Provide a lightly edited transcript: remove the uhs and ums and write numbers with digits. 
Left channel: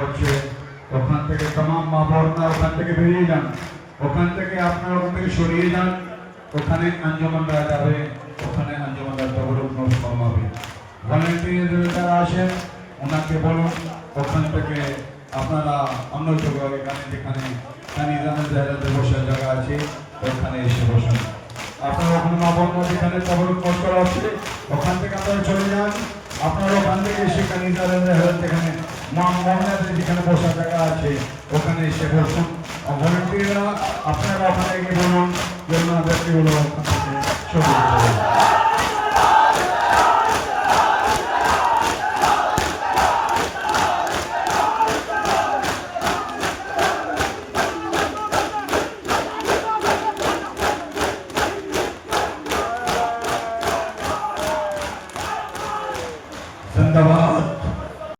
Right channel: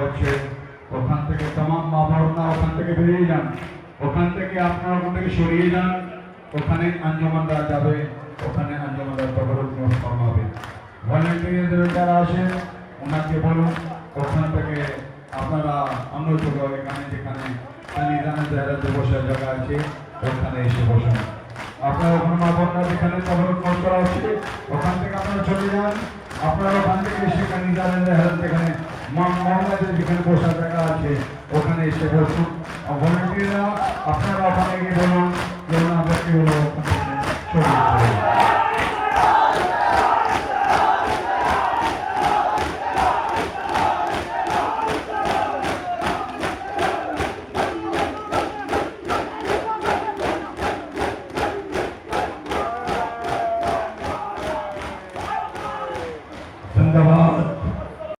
হচ্ছে ওখান থেকে तमाम মা বোনরা ওখান থেকে বেরিয়ে যান, ওখান থেকে আপনারা ওখান থেকে সরিয়ে যান, ওখানে আঞ্জুমানরা যাবে, ওখানে আঞ্জুমানরা তবরুক নোট ফরমাবে। ভলেন্টিয়ারদের যারা আসেন ওনাকে বলুন ওখান থেকে আপনারা আমরা তো এখানে যেখানে কানিজানের জায়গাতে বসার জায়গা আছে ওখানে এসে বসুন। আপনারা ওখানে মা বোনরা যেখানে তবরুক নোট করা হচ্ছে ওখান থেকে আপনারা চলে যান, আপনারা ওখান থেকে এসে কানিজানের জায়গাতে এখানে মা বোনদের যেখানে বসার জায়গা আছে ওখানে এসে বসুন। ভলেন্টিয়াররা